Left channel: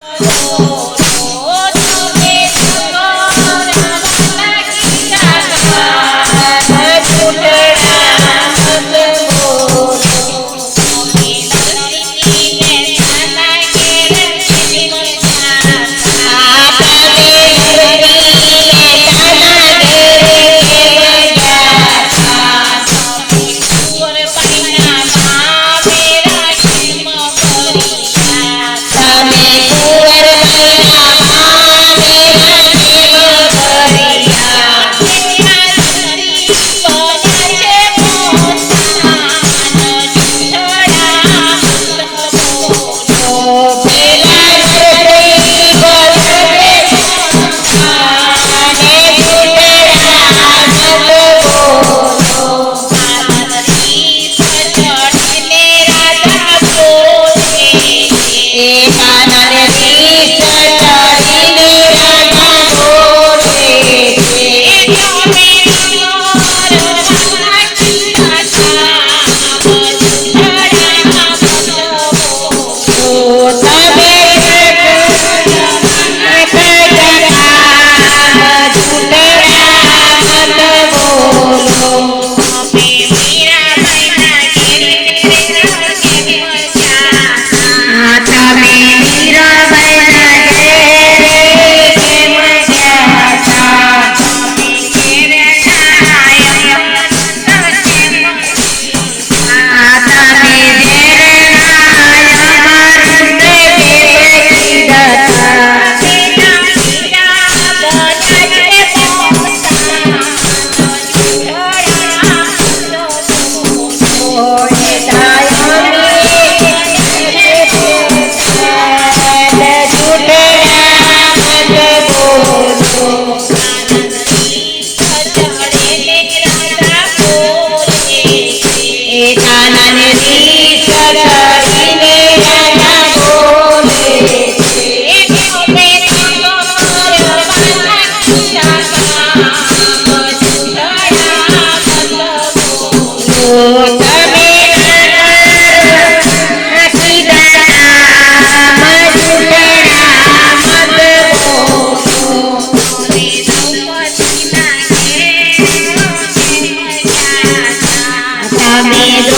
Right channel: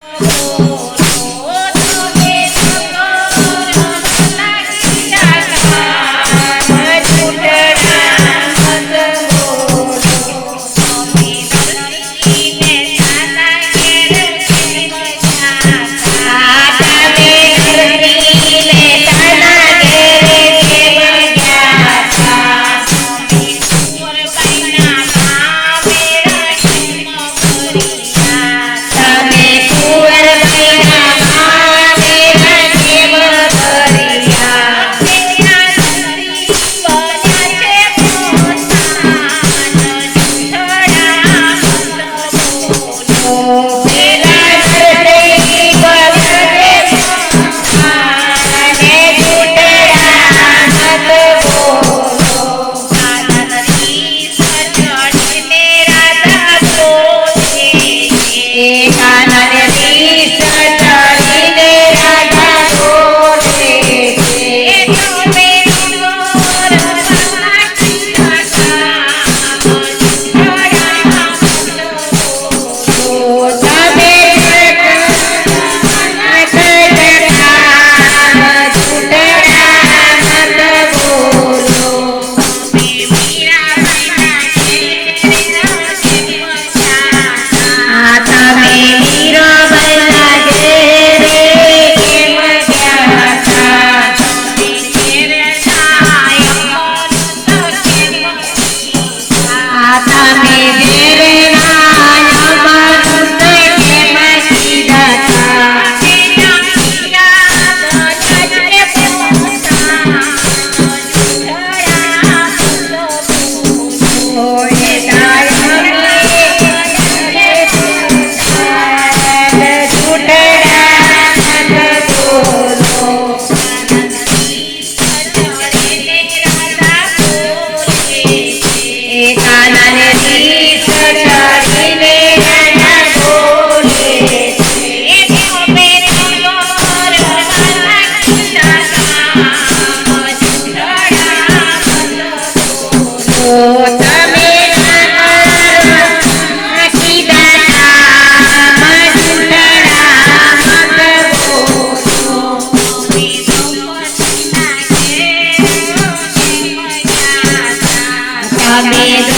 Oh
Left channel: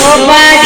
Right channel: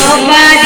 Opa